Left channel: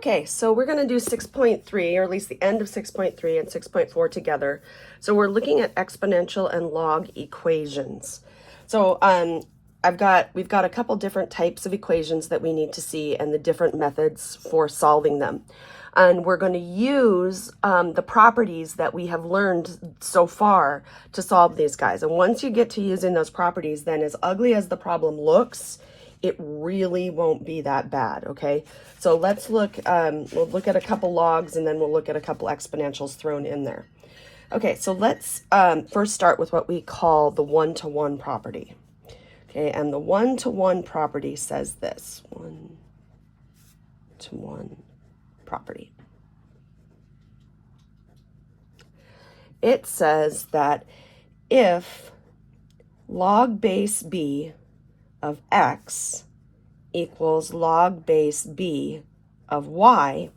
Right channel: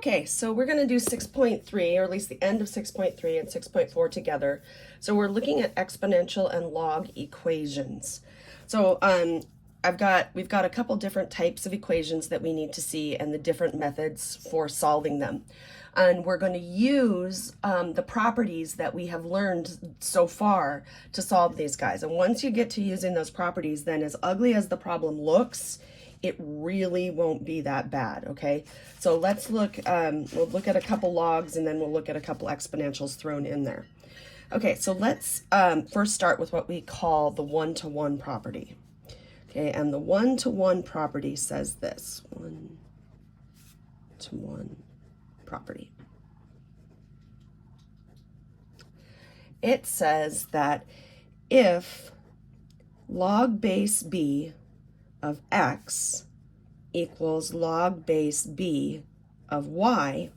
Okay, so we're going to do 6.3, or at least the end of 6.3 and 6.4 together. So we're looking at exponential and log equations. So we've got a couple different types of equations that we need to see and the different methods for solving them. And we're going to use the properties that we have learned so far to solve these guys. And once you get to using those properties, then as ugly as the problem looks, it really won't be that bad, okay? So let's look, we'll look at a couple logs and then we'll look at a couple exponentials thrown in there. Okay, so let's first start with what we call the one-to-one property. Okay, and the one-to-one property says this, one-to-one property. It says that if log base b of x equals log base b of y,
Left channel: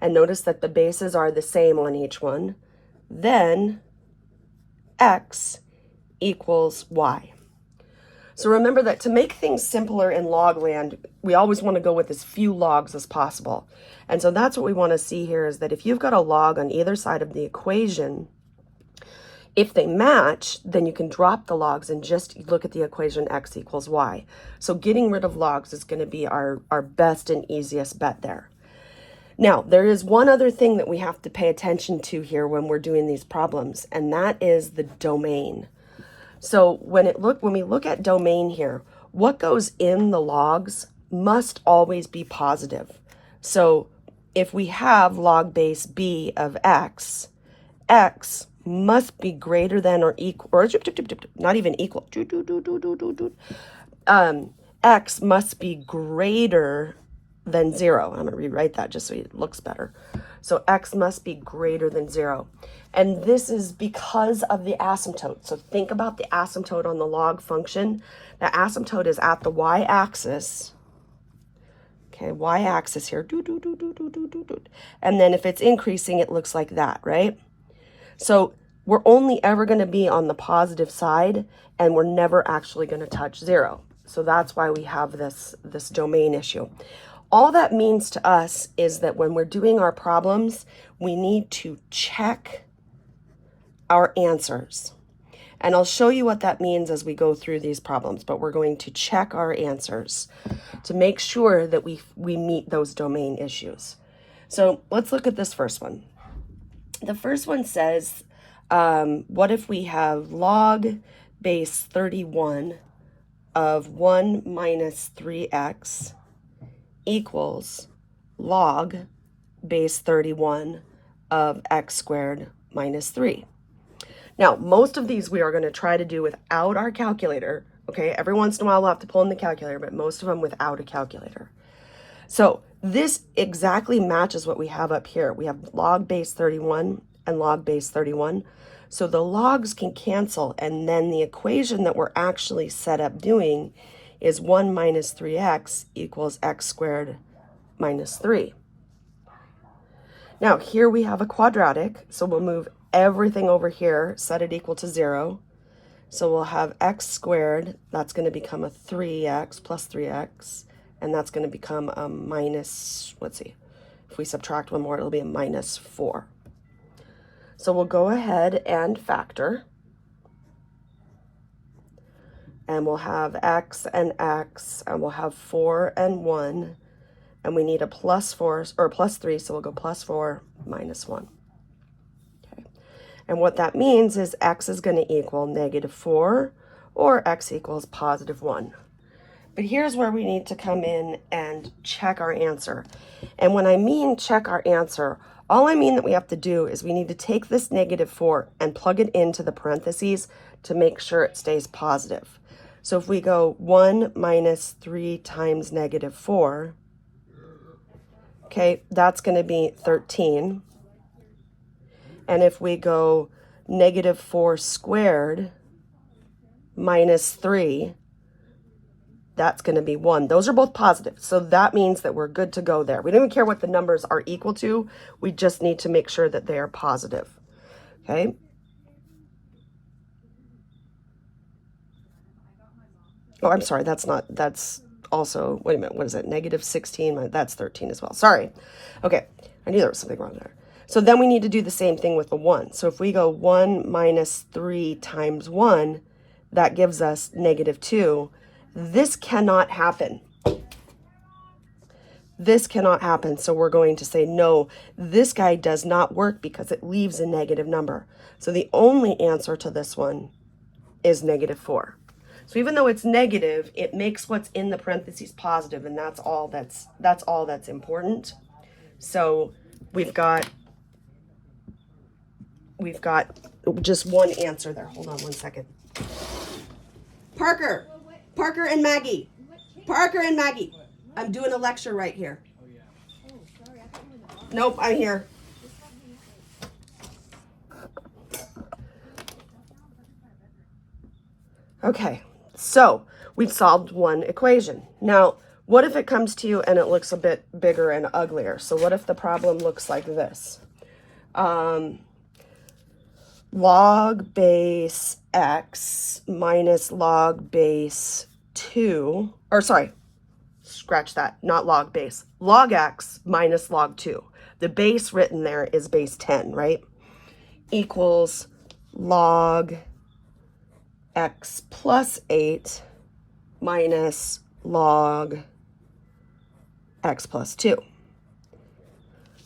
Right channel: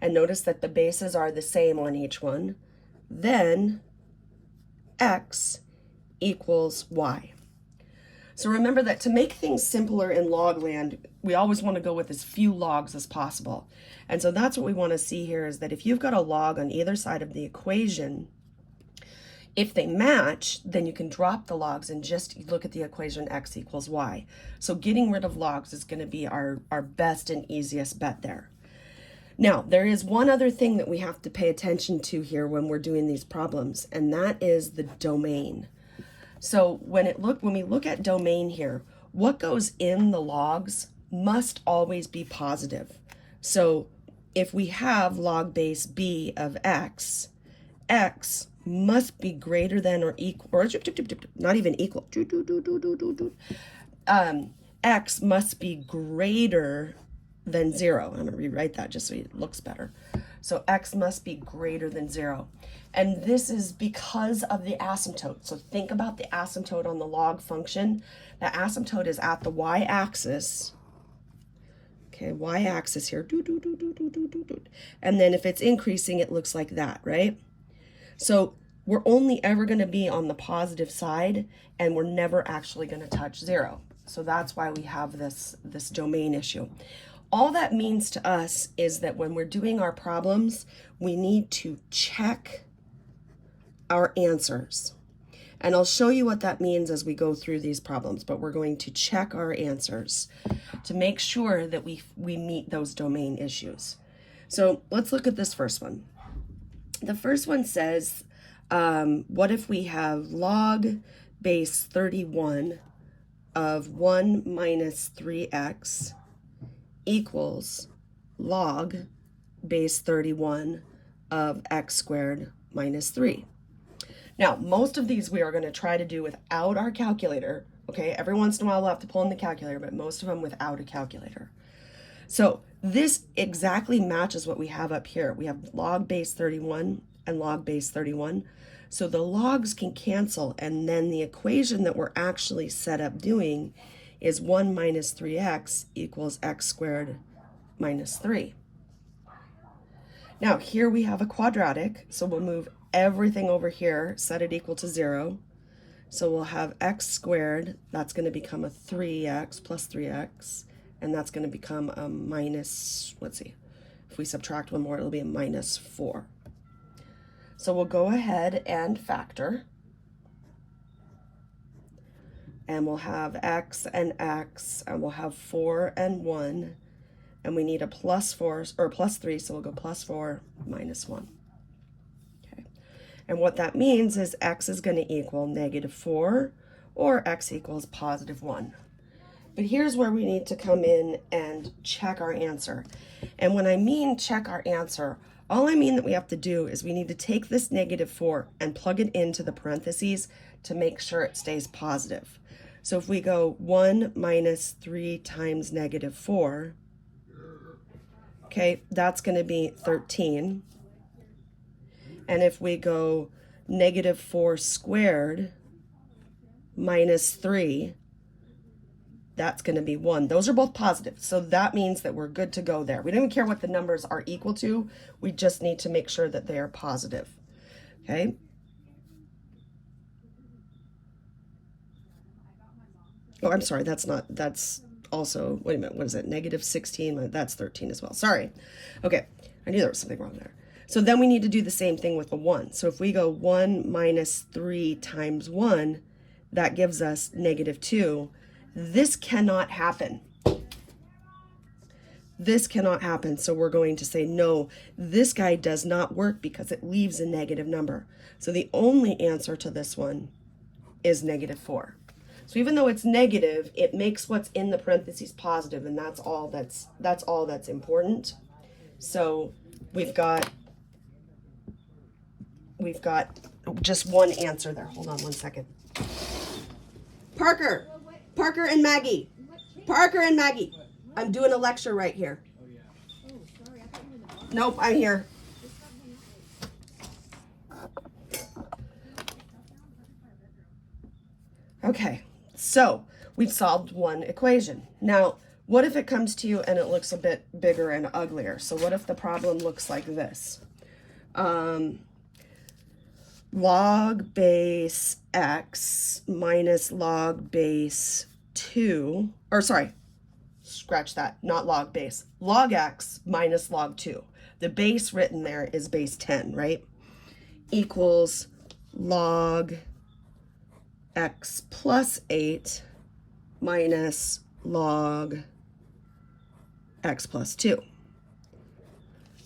and notice that the bases are the same on each one, then x equals y. So remember that to make things simpler in log land, we always want to go with as few logs as possible. And so that's what we want to see here, is that if you've got a log on either side of the equation, if they match, then you can drop the logs and just look at the equation x equals y. So getting rid of logs is going to be our best and easiest bet there. Now, there is one other thing that we have to pay attention to here when we're doing these problems, and that is the domain. So when we look at domain here, what goes in the logs must always be positive. So if we have log base b of x, x must be greater than or equal, or not even equal. X must be greater than 0. I'm going to rewrite that just so it looks better. So x must be greater than 0. And this is because of the asymptote. So think about the asymptote on the log function. The asymptote is at the y-axis. Okay, y-axis here. And then if it's increasing, it looks like that, right? So we're only ever going to be on the positive side, and we're never actually going to touch 0. So that's why we have this domain issue. All that means to us is that when we're doing our problems, we need to check our answers. And I'll show you what that means as we go through these problems, but we're going to check our answers to make sure that we meet those domain issues. So let's look at this first one. The first one says, what if we have log base 31 of 1 minus 3x equals log base 31 of x squared minus 3. Now, most of these we are going to try to do without our calculator, okay? Every once in a while we'll have to pull in the calculator, but most of them without a calculator. So this exactly matches what we have up here. We have log base 31 and log base 31. So the logs can cancel, and then the equation that we're actually set up doing is 1 minus 3x equals x squared minus 3. Now here we have a quadratic, so we'll move everything over here, set it equal to 0. So we'll have x squared, that's going to become a 3x plus 3x, and that's going to become a minus, let's see, if we subtract one more, it'll be a minus 4. So we'll go ahead and factor, and we'll have x, and we'll have 4 and 1, and we need a plus 4, or plus 3, so we'll go plus 4, minus 1. Okay. And what that means is x is going to equal negative 4, or x equals positive 1. But here's where we need to come in and check our answer. And when I mean check our answer, all I mean that we have to do is we need to take this negative 4 and plug it into the parentheses to make sure it stays positive. So if we go 1 minus 3 times negative 4, okay, that's going to be 13. And if we go negative 4 squared minus 3, that's going to be 1. Those are both positive. So that means that we're good to go there. We don't even care what the numbers are equal to. We just need to make sure that they are positive. Okay. Oh, I'm sorry. That's also, wait a minute, what is it? Negative 16, that's 13 as well. Sorry. Okay, I knew there was something wrong there. So then we need to do the same thing with the 1. So if we go 1 minus 3 times 1, that gives us negative 2. This cannot happen. This cannot happen. So we're going to say, no, this guy does not work because it leaves a negative number. So the only answer to this one is negative 4. So even though it's negative, it makes what's in the parentheses positive, and that's all that's important. So we've got just one answer there. Hold on one second. Parker and Maggie. Parker and Maggie. I'm doing a lecture right here. Nope, I'm here. Okay, so we've solved one equation. Now, what if it comes to you and it looks a bit bigger and uglier? So what if the problem looks like this? Log base x minus log base 2, or sorry, scratch that, not log base. Log x minus log 2. The base written there is base 10, right? Equals log x plus 8 minus log x plus 2.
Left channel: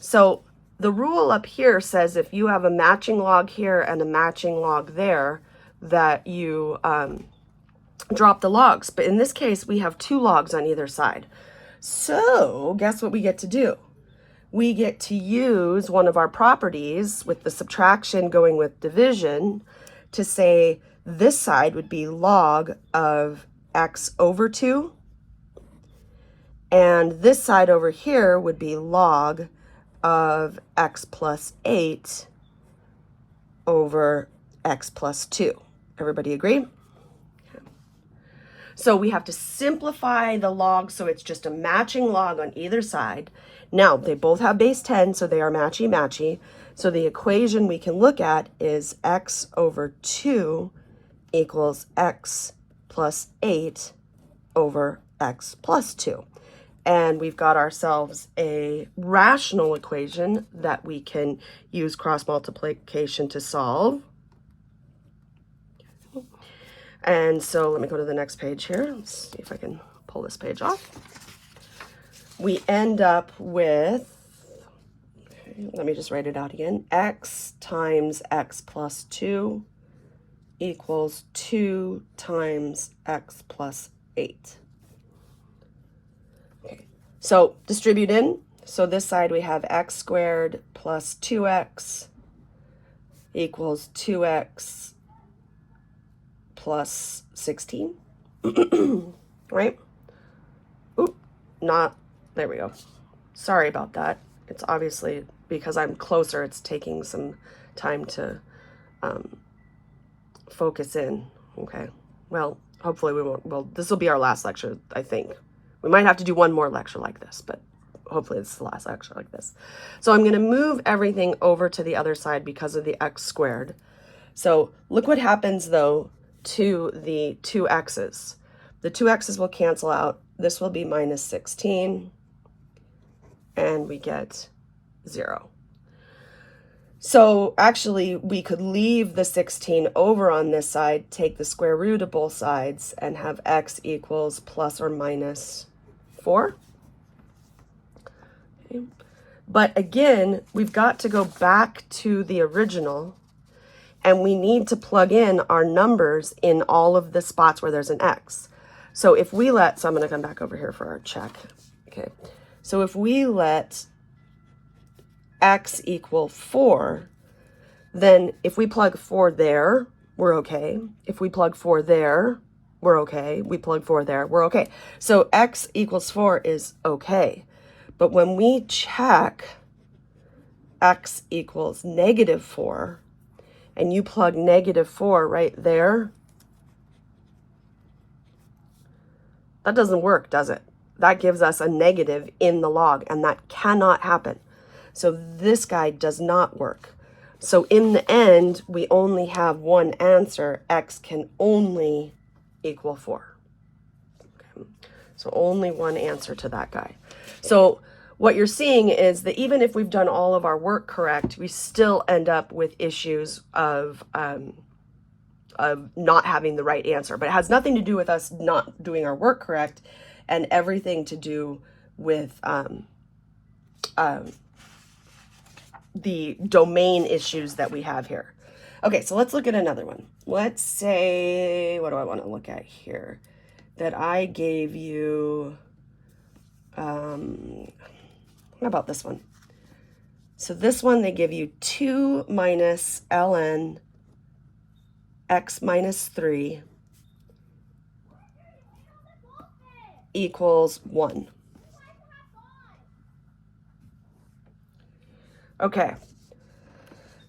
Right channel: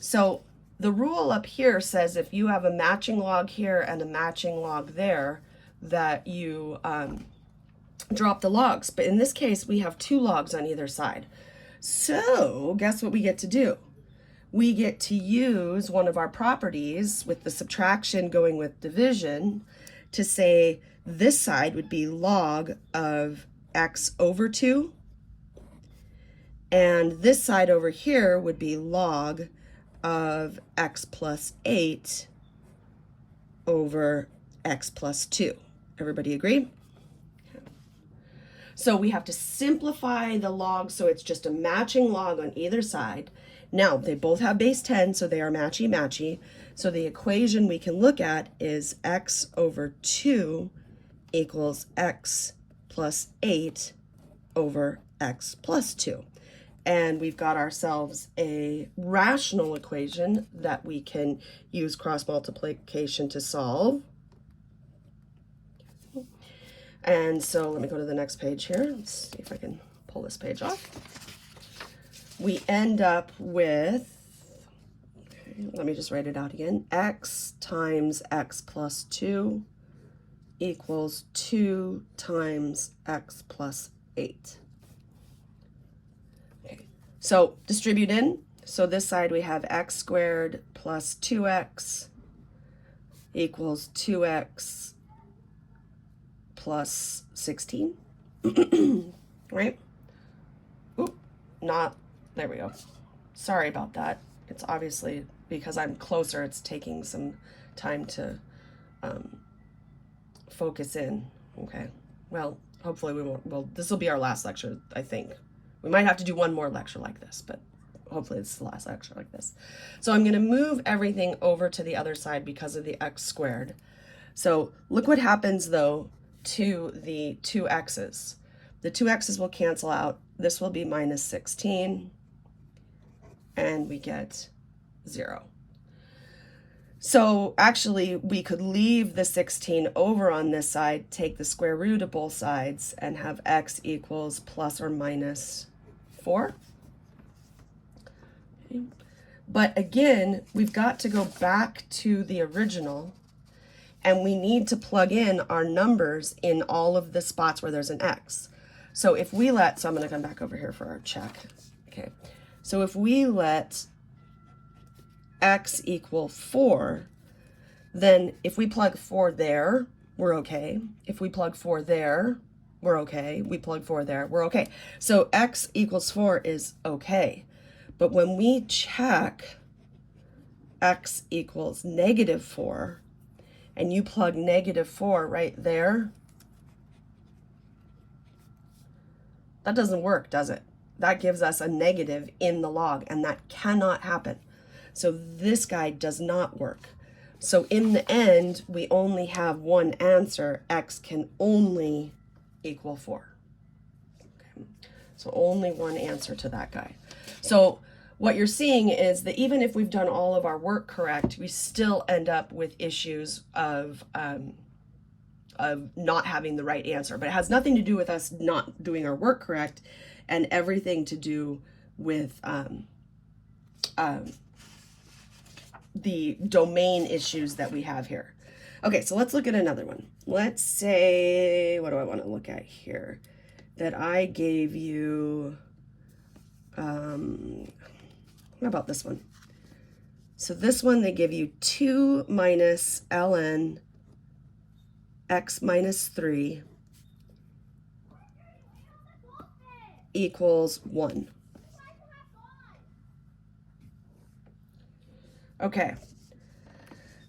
So the rule up here says if you have a matching log here and a matching log there, that you drop the logs. But in this case, we have 2 logs on either side. So guess what we get to do? We get to use one of our properties with the subtraction going with division to say this side would be log of x over 2. And this side over here would be log of x plus 8 over x plus 2. Everybody agree? So we have to simplify the log so it's just a matching log on either side. Now, they both have base 10, so they are matchy-matchy. So the equation we can look at is x over 2 equals x plus 8 over x plus 2. And we've got ourselves a rational equation that we can use cross multiplication to solve. And so let me go to the next page here. Let's see if I can pull this page off. We end up with, let me just write it out again, x times x plus 2 equals 2 times x plus 8. So distribute in. So this side we have x squared plus 2x equals 2x plus 16, right? Oop, not, there we go. Sorry about that. It's obviously, because I'm closer, it's taking some time to focus in, okay? Well, hopefully we won't, well, this will be our last lecture, I think. We might have to do one more lecture like this, but hopefully it's the last lecture like this. So I'm gonna move everything over to the other side because of the x squared. So look what happens though to the 2x's. The 2x's will cancel out. This will be minus 16, and we get 0. So actually we could leave the 16 over on this side, take the square root of both sides, and have x equals plus or minus 4. Okay. But again, we've got to go back to the original, and we need to plug in our numbers in all of the spots where there's an x. So if we let, so I'm going to come back over here for our check. Okay. So if we let x equal 4, then if we plug 4 there, we're okay. If we plug 4 there, we're okay. We plug 4 there, we're okay. So x equals 4 is okay. But when we check x equals negative 4, and you plug negative 4 right there, that doesn't work, does it? That gives us a negative in the log, and that cannot happen. So this guy does not work. So in the end, we only have one answer. X can only equal 4. Okay. So only one answer to that guy. So what you're seeing is that even if we've done all of our work correct, we still end up with issues of not having the right answer. But it has nothing to do with us not doing our work correct, and everything to do with the domain issues that we have here. Okay, so let's look at another one. Let's say, what do I want to look at here? That I gave you, how about this one? So this one, they give you 2 minus ln x minus 3 equals 1. Okay,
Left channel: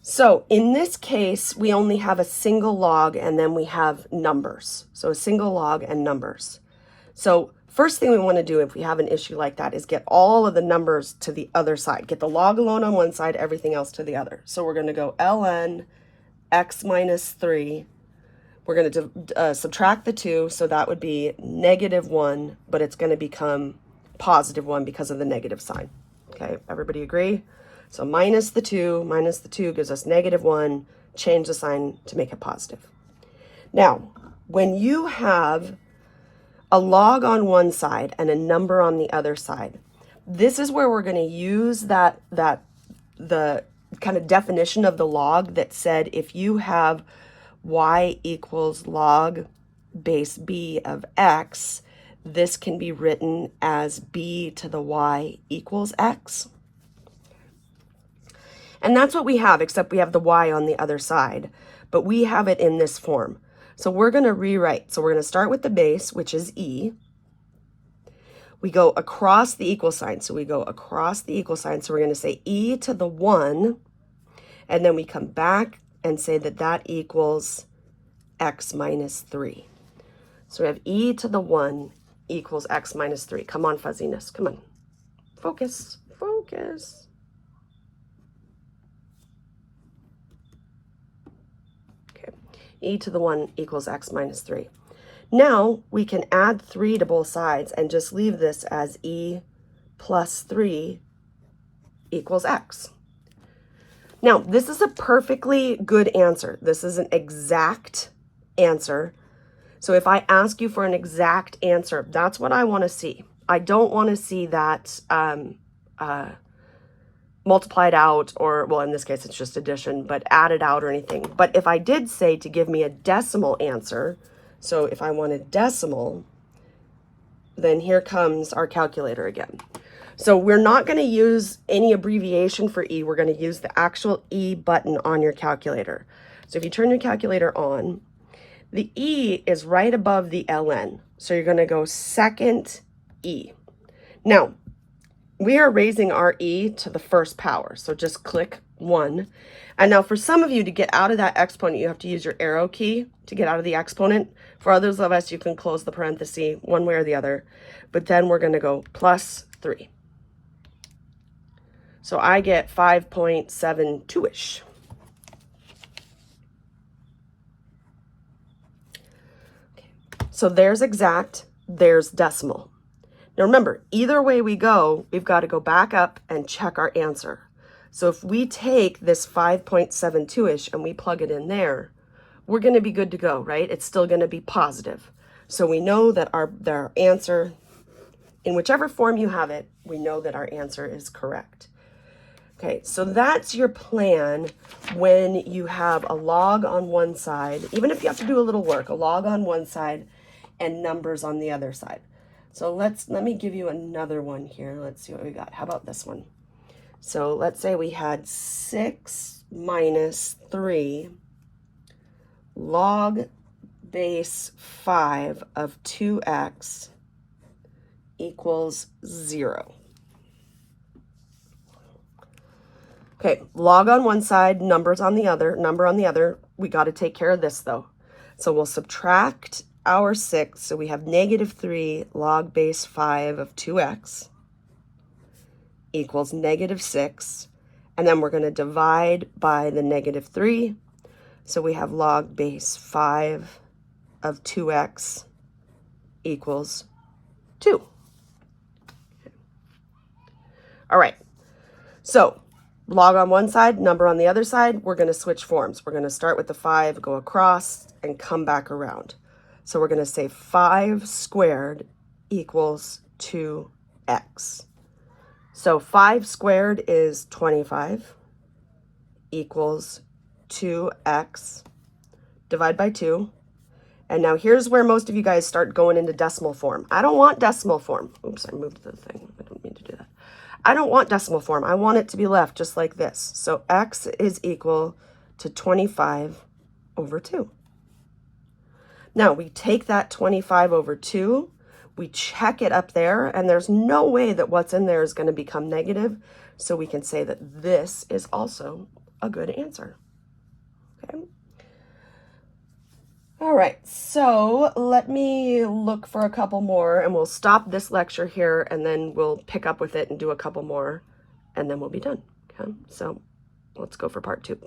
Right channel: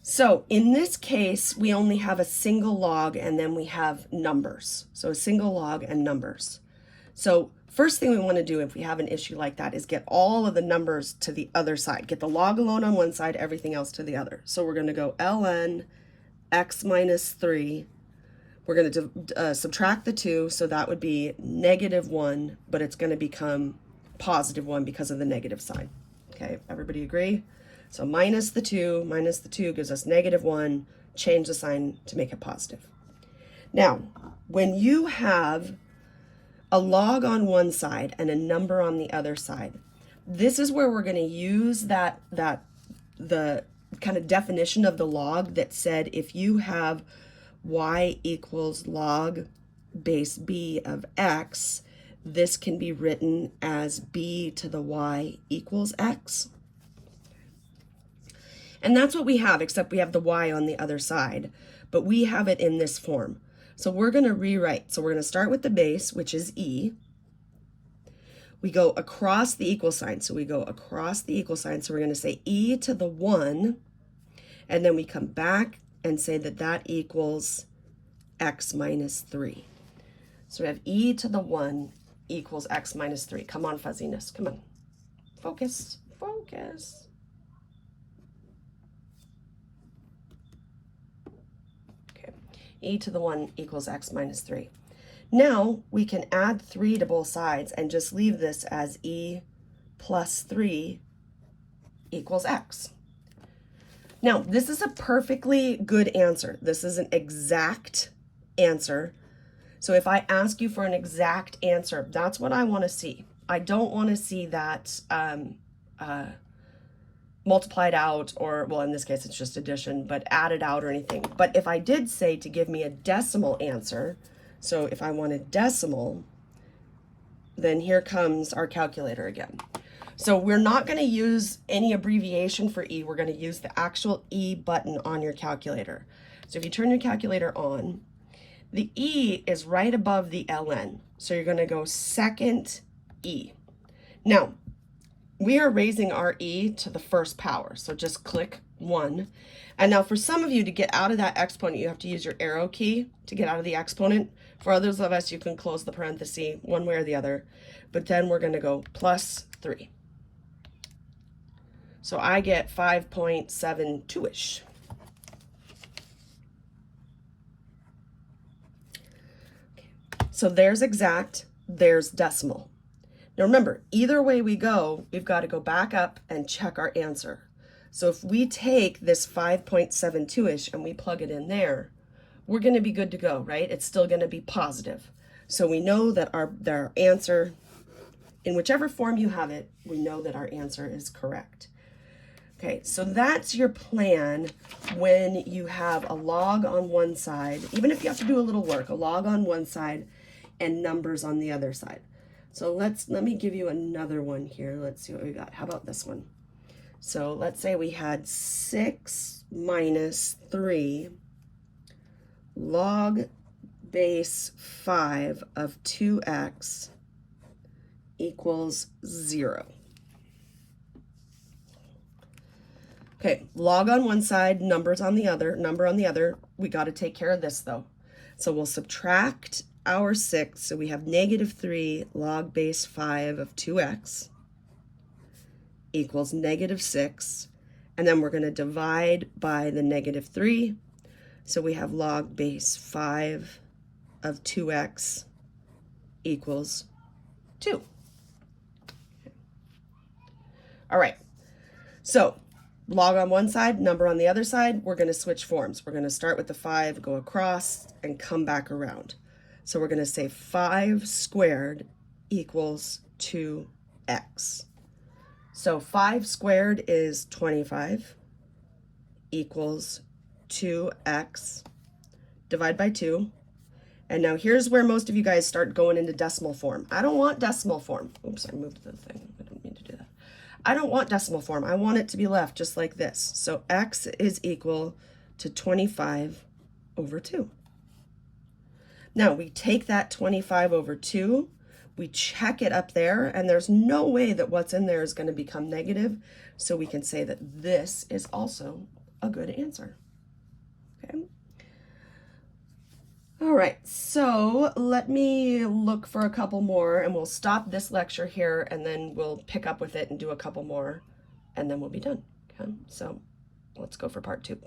so in this case, we only have a single log and then we have numbers. So a single log and numbers. So first thing we want to do if we have an issue like that is get all of the numbers to the other side. Get the log alone on one side, everything else to the other. So we're going to go ln x minus 3. We're going to subtract the 2, so that would be -1, but it's going to become +1 because of the negative sign. Okay, everybody agree? So minus the 2 gives us -1, change the sign to make it positive. Now, when you have a log on one side and a number on the other side, this is where we're going to use the kind of definition of the log that said if you have y equals log base b of x, this can be written as b to the y equals x. And that's what we have, except we have the y on the other side, but we have it in this form. So we're going to rewrite. So we're going to start with the base, which is e. We go across the equal sign. So we go across the equal sign. So we're going to say e to the 1, and then we come back and say that that equals x minus 3. So we have e to the 1 equals x minus 3. Come on, fuzziness. Come on. Focus. Focus. E to the 1 equals x minus 3. Now we can add 3 to both sides and just leave this as e plus 3 equals x. Now, this is a perfectly good answer. This is an exact answer. So if I ask you for an exact answer, that's what I want to see. I don't want to see that multiplied out, or, well, in this case, it's just addition, but added out or anything. But if I did say to give me a decimal answer, so if I want a decimal, then here comes our calculator again. So we're not going to use any abbreviation for E. We're going to use the actual E button on your calculator. So if you turn your calculator on, the E is right above the ln. So you're going to go second E. Now, we are raising our e to the first power. So just click 1. And now for some of you, to get out of that exponent, you have to use your arrow key to get out of the exponent. For others of us, you can close the parenthesis one way or the other. But then we're going to go plus 3. So I get 5.72-ish. So there's exact, there's decimal. Now remember, either way we go, we've got to go back up and check our answer. So if we take this 5.72-ish and we plug it in there, we're going to be good to go, right? It's still going to be positive. So we know that our answer, in whichever form you have it, we know that our answer is correct. Okay, so that's your plan when you have a log on one side, even if you have to do a little work, a log on one side and numbers on the other side. So let me give you another one here. Let's see what we got. How about this one? So let's say we had 6 minus 3 log base 5 of 2x equals 0. Okay, log on one side, number on the other. We got to take care of this though. So we'll subtract our 6, so we have -3 log base 5 of 2x equals -6, and then we're going to divide by the -3, so we have log base 5 of 2x equals 2. All right, so log on one side, number on the other side. We're going to switch forms. We're going to start with the 5, go across, and come back around. So we're going to say 5 squared equals 2x. So 5 squared is 25 equals 2x. Divide by 2. And now here's where most of you guys start going into decimal form. I don't want decimal form. Oops, I moved the thing. I don't mean to do that. I don't want decimal form. I want it to be left just like this. So x is equal to 25 over 2. Now we take that 25 over 2, we check it up there, and there's no way that what's in there is going to become negative. So we can say that this is also a good answer. Okay. All right, so let me look for a couple more and we'll stop this lecture here and then we'll pick up with it and do a couple more and then we'll be done. Okay, so let's go for part 2.